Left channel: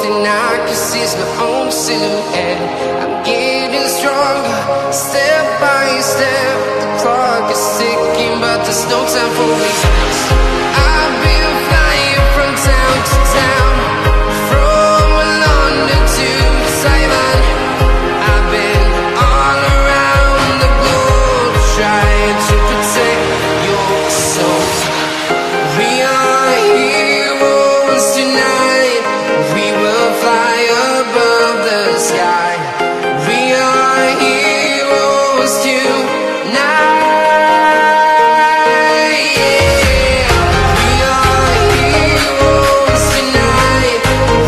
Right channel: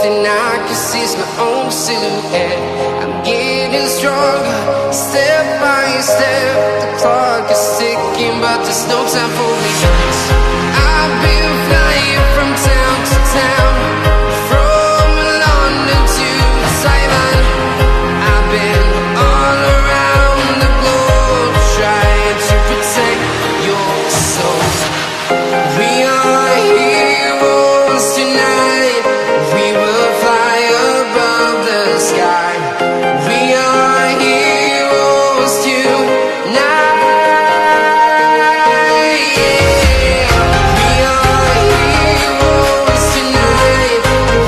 thing I can see is my own silhouette. I'm getting stronger, step by step. The clock is ticking, but there's no time for regrets. I've been flying from town to town, from London to Taiwan. I've been all around the globe, trying to protect your soul. We are heroes tonight. We will fly above the sky. We are heroes tonight. Yeah. We are heroes tonight.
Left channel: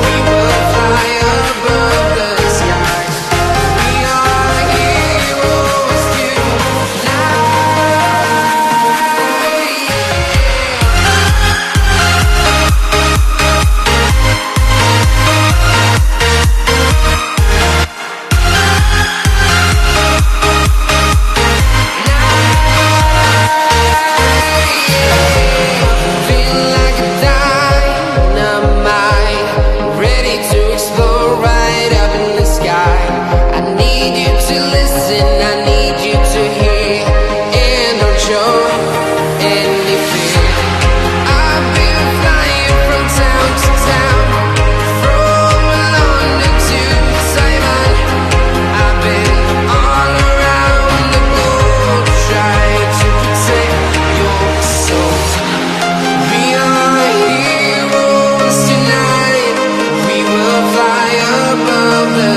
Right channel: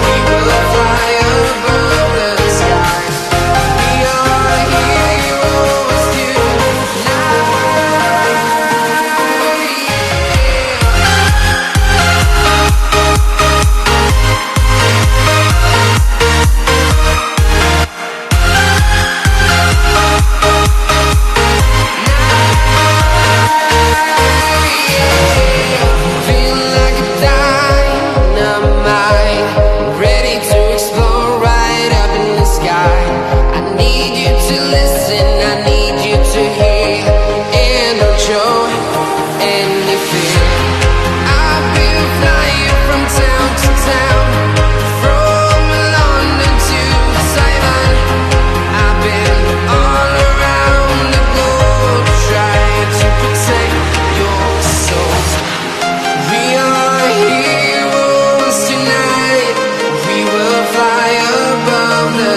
We will fly above the sky. We are heroes tonight. Feel like a dynamite, ready to explode right up in the sky. I need you to listen, I need you to hear, and don't show any fear. I've been flying from town to town, from London to Taiwan. I've been all around the globe, trying to protect your soul. We are heroes tonight. We will fly above the